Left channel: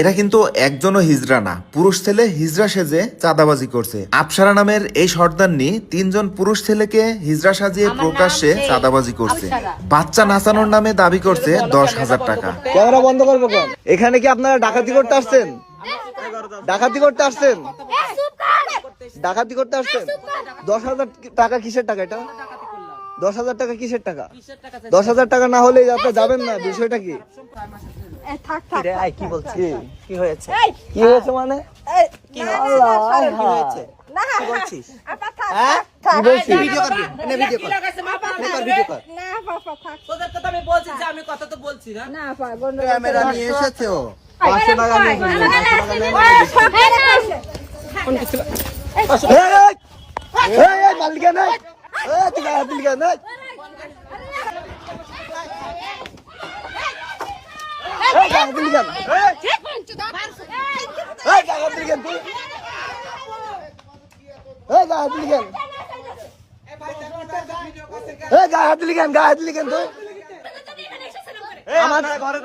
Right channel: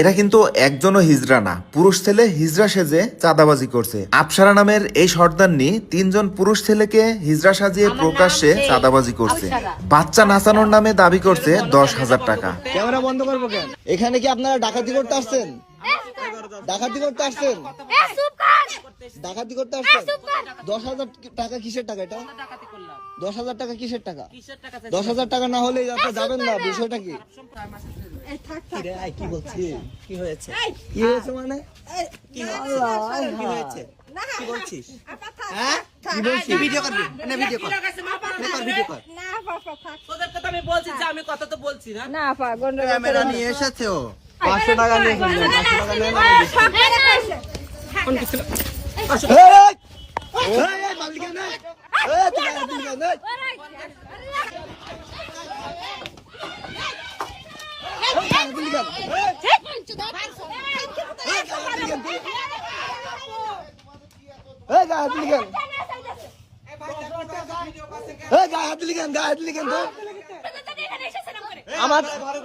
এরা কিন্তু একজনও হিজড়া না, পুরুষ ছেলে হিজড়া সেজে চাঁদাবাজি করছে। আফসারা নামের এই সর্দারনি 3 জন পুরুষ ছেলেকে হিজড়া সাজিয়ে প্রকাশ্যে চাঁদাবাজি করছে। বাচ্চা নাচানোর নামে দাবি করছে 10,000 টাকা। ক্যামেরা বন্ধ করবো কেন? এখানে কি আপনারা ডাকাতি করতে আসছেন? ডাকাতি করতে আসছেন? ডাকাতি করতে আসছেন? 10,000 টাকা কিসের টাকা? এটা 10,000 টাকা কিসের টাকা? 10,000 টাকা না হলে আপনি যাবেন না। বিষয়টা কি? কি হয়েছে মানে? ক্যামেরা নিয়ে এসেছে ও। 500 টাকা নিয়ে মালিকা নাই। তুই মালিকা নাই।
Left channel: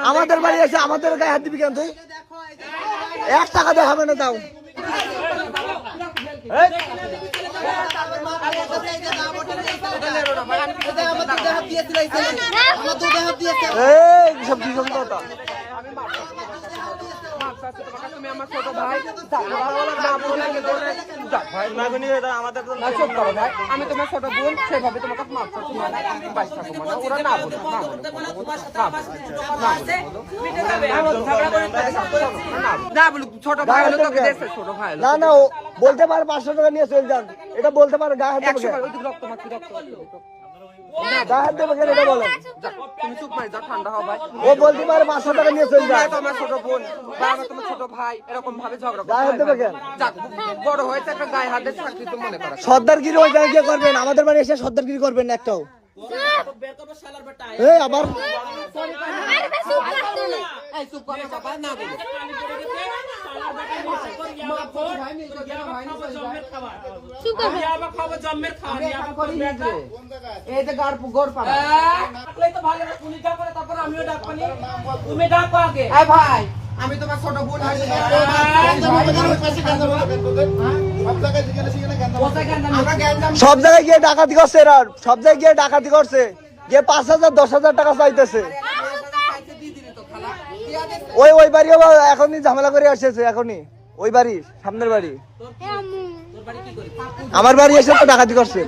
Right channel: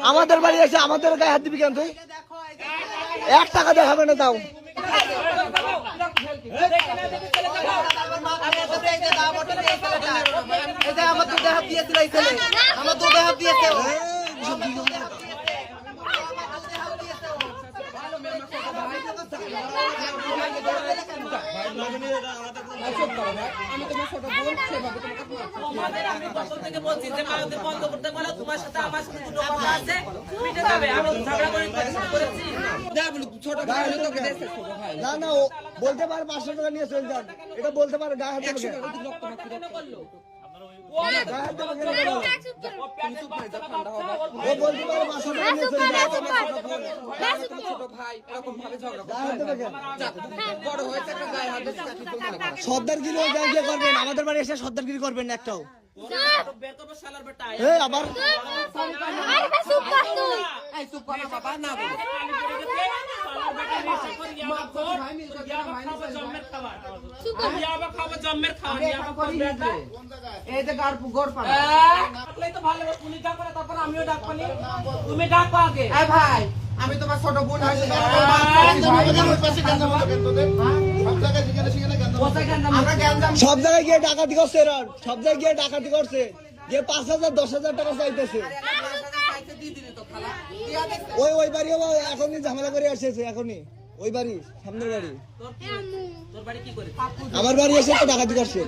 আমাদের বাড়ি এসে আমাদের গায়ে হাত দিবি কেন তুই? 1 টাকা দেখাবে না তাও। আমি তোমার ছোট বোন, সেভাবে তোমাকে না না বলতে পারে 500 টাকা নিয়ে চলে যান। এটা বলতে পারে গায়ে হাত দেবে। ও বলতে পারে 500 টাকা নিয়ে চলে যায়। তোমার ছোট বোন, তোমার ছোট ভাই এরকম ভাবে ঝগড়া গায়ে হাত দেবে কেন? বড় হয়েছে একটা গায়ে হাত দেবে। সর্দারগিরি ওই জায়গায় করবেন, আমাদের বাড়ি এসে সর্দারগিরি করবেন না একটাও। আবার ভাই আমি তোমার ছোট বোন। সব জায়গায় গিয়ে ডাকাতি করছে এরা, সব জায়গায় গিয়ে ডাকাতি করছে, গিয়ে 5,000 10,000 টাকা চাইতেছে। ওই বাড়ি এখনই ঝামেলা করে আসছে। এখনই ওই বাড়ি, সামনের বাড়ি, আমার বাড়ি এসে তো ডাকাতি করছে।